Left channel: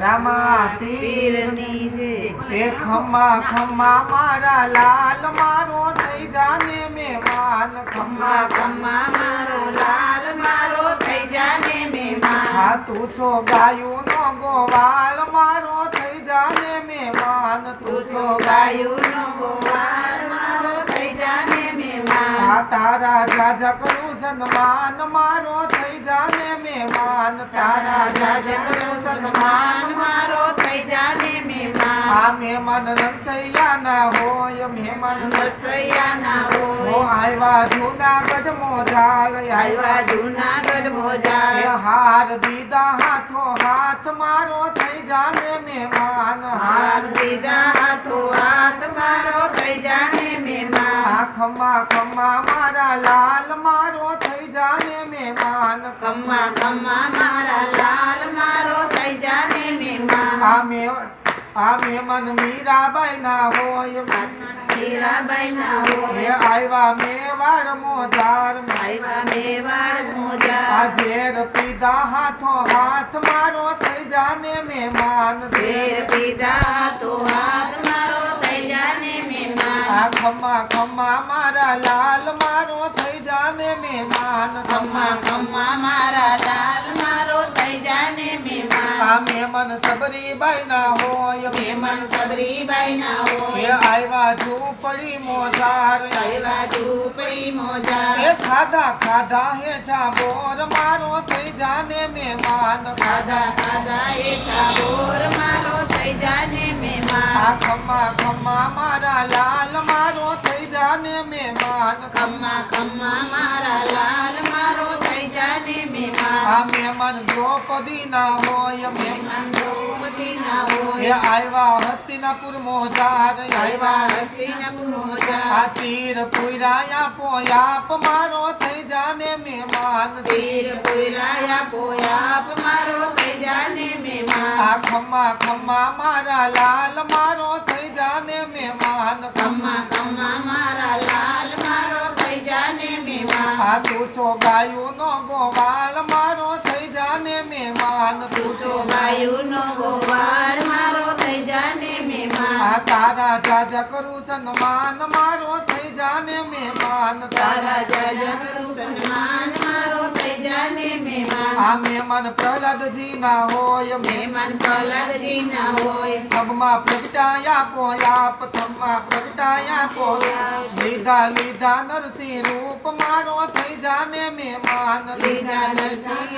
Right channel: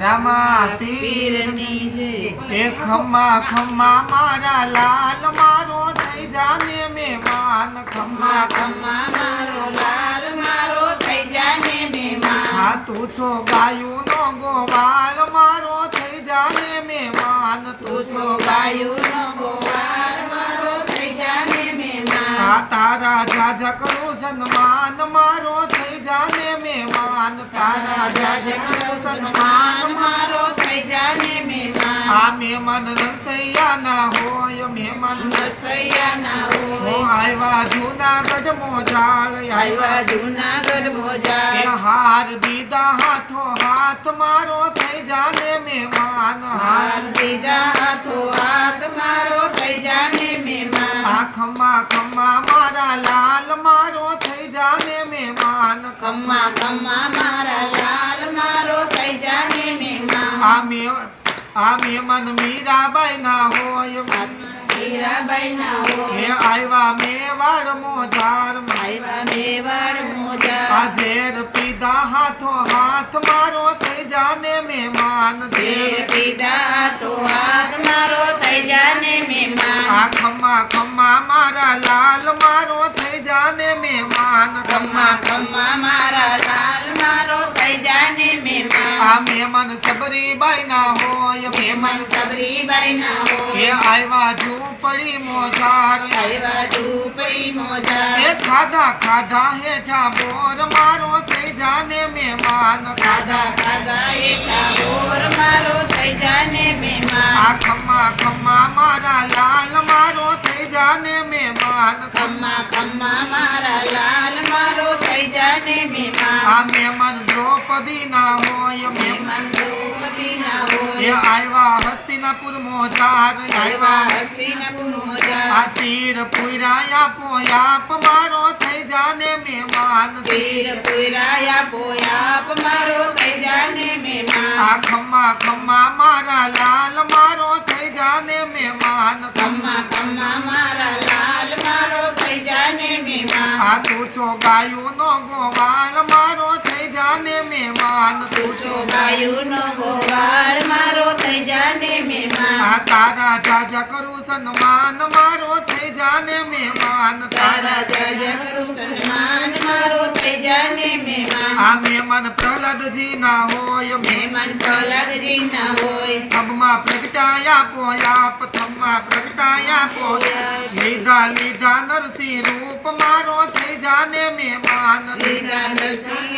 રામા પીર પીરની જય એ ખમ્મા ખમ્મા મારા લાલ મારો થઈ જાને મહેમાન. ખમ્મા ખમ્મા મારો લાલ મારો થઈ જાને મહેમાન. હા તું છો ગાયું નો ગોવાળ મારો થઈ જાને મહેમાન. તું છો ગાયું ગાયુંનો ગોવાળ મારો થઈ જાને આ તારા જાજા કરું સન્માન, મારો થઈ જાને મહેમાન. તારા જાજા કરું સન્માન, મારો થઈ જાને મહેમાન. આ મહેમાન રસૈયા ના હોય, મહેમાન રસૈયા ના હોય આવ્યા જૂનાગઢ મોજાળ આવ્યા જૂનાગઢ એ મોજા હાર દીધા હાથો હાથ, મારો થઈ જાને મહેમાન. હાર દીધા હાથો હાથ, મારો થઈ જાને ખમ્મા ખમ્મા મારા લાલ મારો થઈ જાને મહેમાન ખમ્મા. ખમ્મા મારા લાલ મારો થઈ જાને મહેમાન. આ મે આ મહેમાન મીરાબાઈ ના હોય આવ્યા મેવાડ મોજાર પીધા હાથો હાથ મારો થઈ જાને મહેમાન આ ખમ્મા ખમ્મા મારા લાલ મારો થઈ જાને મહેમાન ખમ્મા ખમ્મા મારા લાલ મારો થઈ આ મહેમાન સબરીબાઈ ના હોય. મહેમાન સબરી સબરીબાઈ ના એ હોય આવ્યા ઝૂંપડી મોજાર. આવ્યા ઝૂંપડી મોજા એ ખાધા ખાધા હેઠા બોર મારો થઈ જાને મહેમાન. ખાધા ખાધા હેઠા બોર મારો થઈ જાને મહેમાન. આ ખમ્મા ખમ્મા મારા લાલ મારો થઈ જાને મહેમાન. ખમ્મા ખમ્મા આ મહેમાન દ્રૌપદી ના હોય મહેમાન દ્રૌપદી ના આવ્યા હસ્તિનાપુર મોજાર આવ્યા હસ્તિનાપુર મોજા આ તીર પુરાયા પોયાપ મારો થઈ જાને મહેમાન તીર પુરાયા પોયાપ મારો થઈ જાને મહેમાન આ ખમ્મા ખમ્મા મારા લાલ મારો થઈ જાને મહેમાન ખમ્મા ખમ્મા મારા મહેમાન તું છો ગાયું નો ગોવાળ, મારો થઈ જાને મહેમાન. તું છો ગાયુંનો ગોવાળ, મારો થઈ જાને મહેમાન. તારા જાજા કરું સન્માન, મારો થઈ જાને મહેમાન. તારા જાજા કરું સન્માન, મારો થઈ જાને મહેમાન. આ મહેમાન પ્રહલાદજી ના હોય, મહેમાન પ્રહલાદજી ના હોય. થમમાં પ્રગટાયા પોયા પ્રથમમાં પ્રગટાયા પોયા. લીધા લીધા નરસિંહ રૂપ મારો થઈ જાને મહેમાન. લીધા નરસિંહ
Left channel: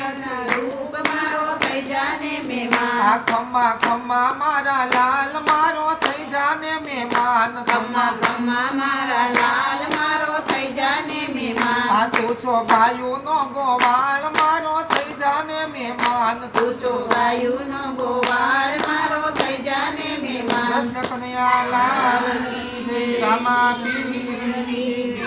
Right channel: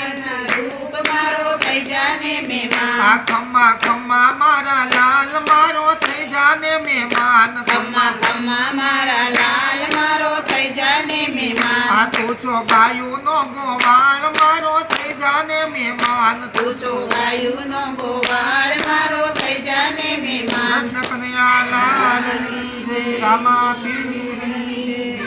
રૂપ મારો થઈ જાને મહેમાન. આ ખમ્મા ખમ્મા મારા લાલ મારો થઈ જાને મહેમાન. ખમ્મા ખમ્મા મારા લાલ મારો થઈ જાને મહેમાન. આ તું છો ગાયું નો ગોવાળ મારો થઈ જાને મહેમાન. તું છો ગાયુંનો ગોવાળ મારો થઈ જાને મહેમાન. કૃષ્ણ કનૈયા જય રામા પીર